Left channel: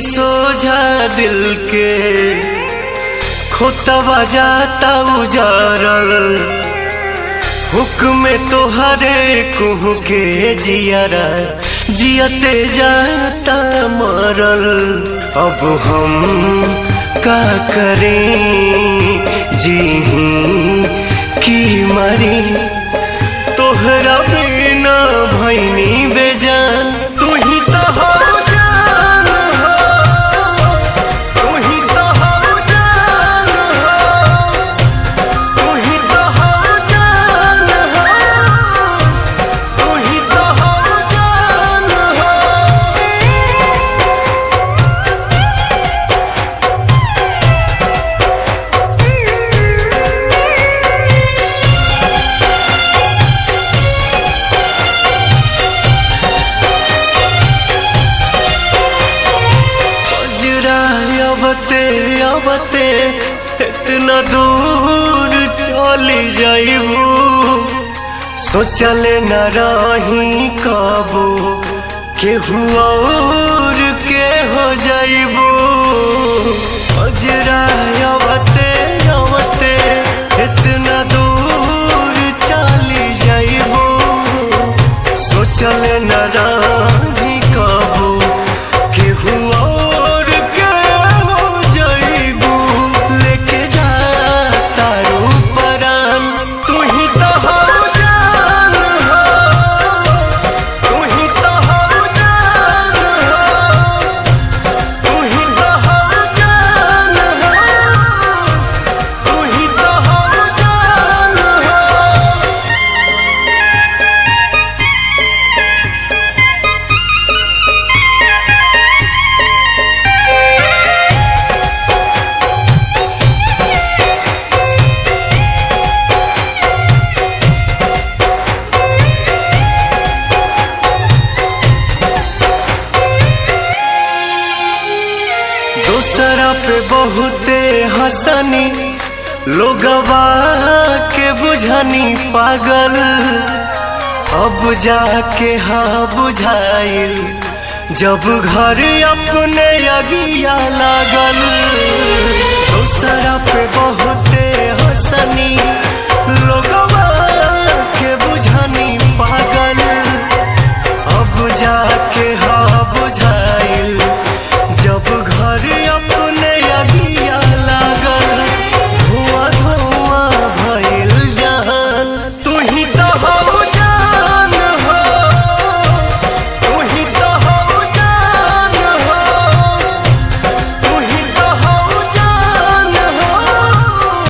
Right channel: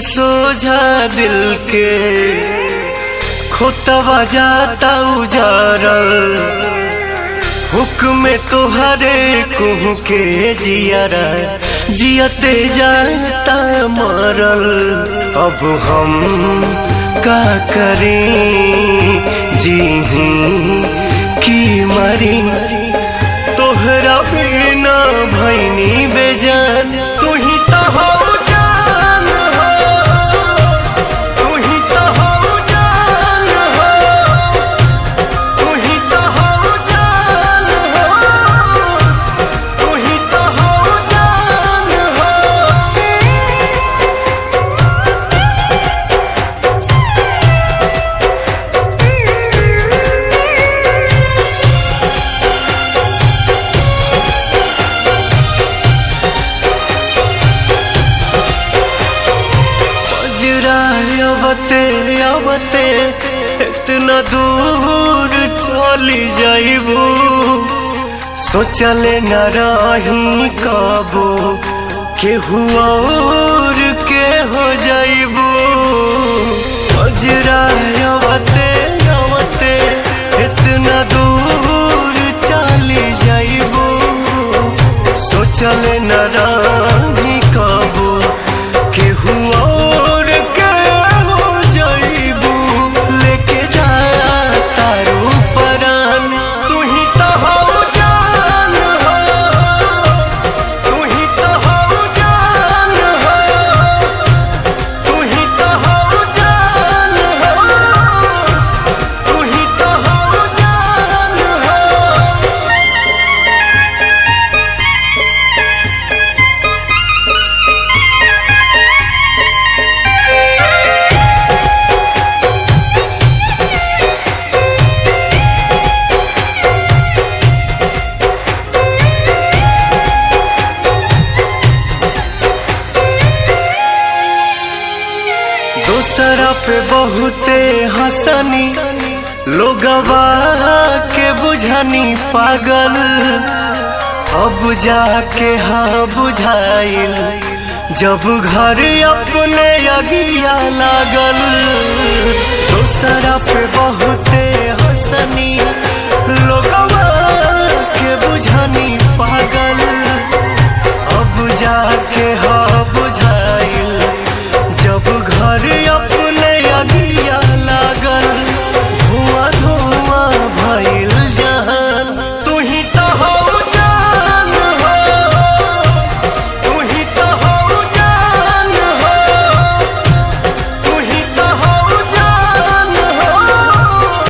सोझा दिल के खोतवा जाता उजारल हुक्म तोहरे कुहू के जियारा जियते जाता मरल। अब हम का करें जीही की मरी तोहरा बिना भैनी बेजान। तू ही तो हो जान हो, तू ही तो हो जान हो, तू ही तो हो जान हो, तू ही तो हो जान हो। अबते अबते इतना दूर चली जाइबू सोचले न रही कबो केहू और के हो जाइबू। अजरा अबते अबते इतना दूर चली जाइबू सोचले न रही कबो केहू और के हो जाइबू। लेके जा तारू परान तू ही तो हो जान हो, तू ही तो हो जान हो, तू ही तो हो जान हो, तू ही तो हो जान हो। दूसरा पे बहुते हंसनी लोगवा के बुझनी पागल अब जाके हाँ बुझाइल जब घर अपने अगिया लागल। दूसरा पे बहुते हंसनी लोगवा के बुझनी पागल अब जाके हाँ बुझाइल